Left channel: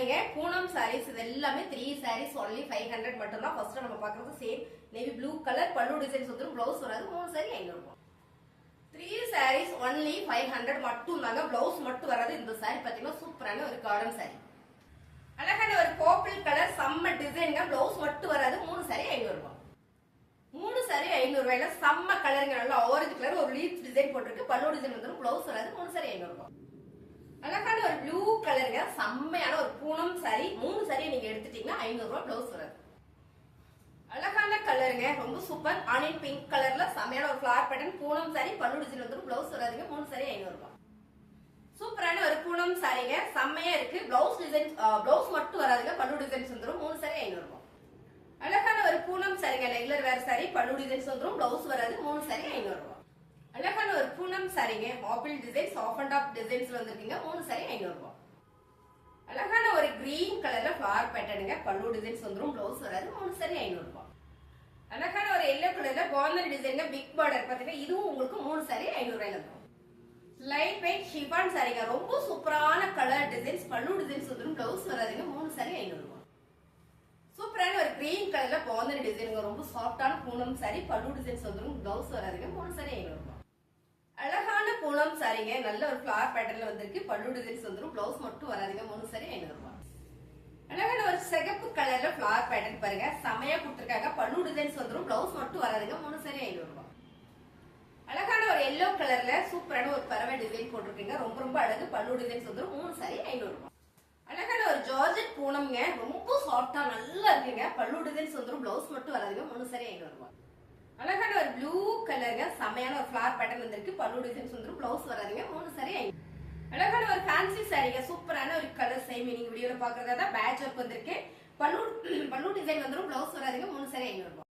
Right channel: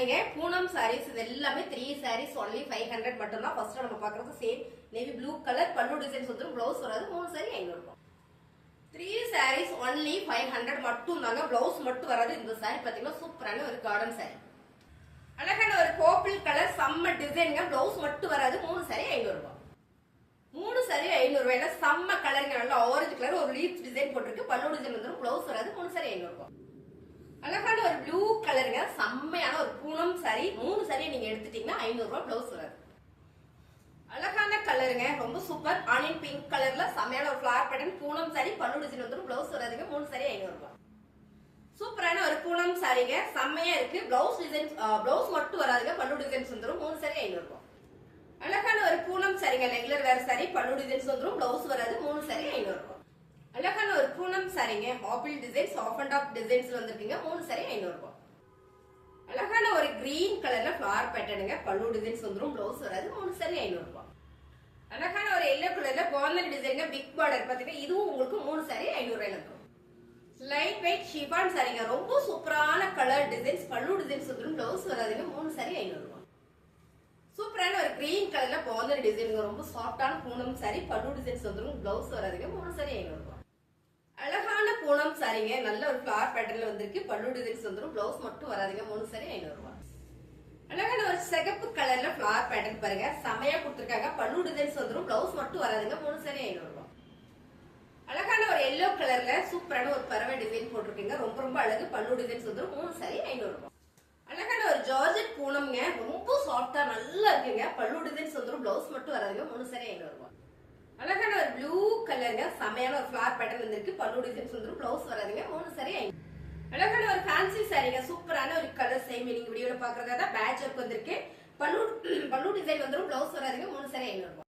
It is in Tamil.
சாரீங்க, பூனம் சாரீஸ். இது எல்லாமே 3 சாரீஸ் ஒன்லி 500 மட்டும் தான். ஃபர்ஸ்ட் நம்ம பாக்குறது சேம் நேவி ப்ளூ கலர், பல்லு டிசைன்ஸ் வந்துரும், பிளவுஸ் வராது. 3 சாரி 500 ரூபாய். 3 சாரீஸ் ஒன்லி 500 மட்டும் தாங்க. பிளவுஸ் மட்டும் வராது. இந்த சாரி பாத்தீங்கன்னா சூப்பரான ஒரு கார்டன் சாரி, அழகான ஒரு பர்பிள் கலர், செம்ம டிசைன்ங்க. பிளவுஸ் மட்டும் வராது. 3 சாரி 500 ரூபாய். 3 சாரி 500 ரூபாயில செம்ம கலருங்க. நல்லா ஆரஞ்சு கலர், ஒரு லீஃப் டிசைன் போட்டிருக்கு, பல்லு டிசைன் வந்துரும், பிளவுஸ் வராது. 3 சாரி 500 ரூபாய். அழகான ஒரு ப்ளூ கலருங்க, செம்மையான ஒரு பூனம் சாரி. 3 சாரி நீங்க எடுத்துட்டீங்கன்னா 500 ரூபாய், பிளவுஸ் வராது. அழகான கலருங்க, ரொம்ப சூப்பர். ஆனியன் பிங்க் கலர்ல செம்மையான ஒரு ஃபிளவர் பேட்டர்ன் பூனம் சாரி, பல்லு டிசைன் வந்துரும், பிளவுஸ் வராதுங்க. 3 சாரி 500 ரூபாய். சூப்பரான ஒரு பூனம் சாரிங்க, செம்மையா இருக்கு. பிளவுஸ் டிசைன், பிளவுஸ் மட்டும் வராதுங்க, பல்லு டிசைன்ஸ் வந்துரும். 3 சாரி 500 ரூபாய். அழகான ஒரு பூனம் சாரிங்க, ரெகுலர் வேர் சாரி, பல்லு டிசைன்ஸ் வந்துரும், பிளவுஸ் வராது. 3 சாரி 500 ரூபாய். அழகான ஒரு பூனம் சாரிங்க, apple design, half and half டிசைன்ஸ்ல வந்திருக்கீங்க. 3 சாரி 500 ரூபாய். அழகான ஒரு கிரீன் கலர்ல ஃபிளவர் பேட்டர்னுங்க, பல்லு டிசைன்ஸ் வந்துரும், பிளவுஸ் வராது. 3 சாரி 500 ரூபாய். அழகான ஒரு எல்லோ கலர்ல பார்டர் டிசைன், பிக் பார்டர் பாத்தீங்கன்னா இதுவும் உங்களுக்கு 3 சாரி 500 ரூபாயில வந்துரும். லைட் வெயிட் ஷிஃபான் சாரிங்க, ரொம்ப சூப்பரான கலர் டிசைன்ஸ், பல்லு டிசைன்ஸ் வந்துரும், பிளவுஸ் வராதுங்க. 3 சாரி 500 ரூபாய். சூப்பரான ஒரு கிரீன் கலர்ல பார்டர் டிசைன், ரொம்ப சாஃப்டான பூனம் சாரி, பல்லு டிசைன்ஸ் வந்துரும், பிளவுஸ் வராதுங்க. 3 சாரி 500 ரூபாய். அழகான பூனம் சாரிங்க, நல்ல ஒரு ஃபிளவர் பேட்டர்ன்ல வந்திருக்கு, பல்லு டிசைன்ஸ் வந்துரும், பிளவுஸ் மட்டும் வராதுங்க. 3 சாரி 500 ரூபாய். அழகான ஒரு சிகப்பு கலர்ல ஃபிளவர் பேட்டர்ன் பாருங்க, செமையா கொடுத்திருக்காங்க, பல்லு டிசைன்ஸ் வந்துரும், பிளவுஸ் மட்டும் வராதுங்க. 3 சாரி 500 ரூபாய். அழகான ஒரு எல்லோ கலர்ல சூப்பரான ஒரு பறவை டிசைன் போட்டிருக்கீங்க, ரொம்ப ரொம்ப அழகு, பல்லு டிசைன்ஸ் வந்துரும். 3 சாரி 500 ரூபாய். அழகான ஒரு ஜார்ஜெட் பூனம்ங்க, ரொம்ப சாஃப்டா நல்லா இருக்குங்க, பல்லு டிசைன்ஸ் வந்துரும், பிளவுஸ் மட்டும் வராதுங்க. 3 சாரி 500 ரூபாய். அழகான ஒரு ப்ளூ கலருங்க, செமையான ஒரு ஃபிளவர் பேட்டர்ன் வந்திருக்கு, பல்லு டிசைன்ஸ் வந்துரும், பிளவுஸ் வராதுங்க. 3 சாரி 500. அழகான ஒரு ஃபேன்சி சாரிங்க, சூப்பரான ஒரு கலர், சேம் நீங்க வீடியோல பாக்குறதா பேட்ச் ஒர்க் வந்திருக்கு, பல்லு டிசைன் வந்துரும், பிளவுஸ் வராதுங்க. 3 சாரி 500 ரூபாய்.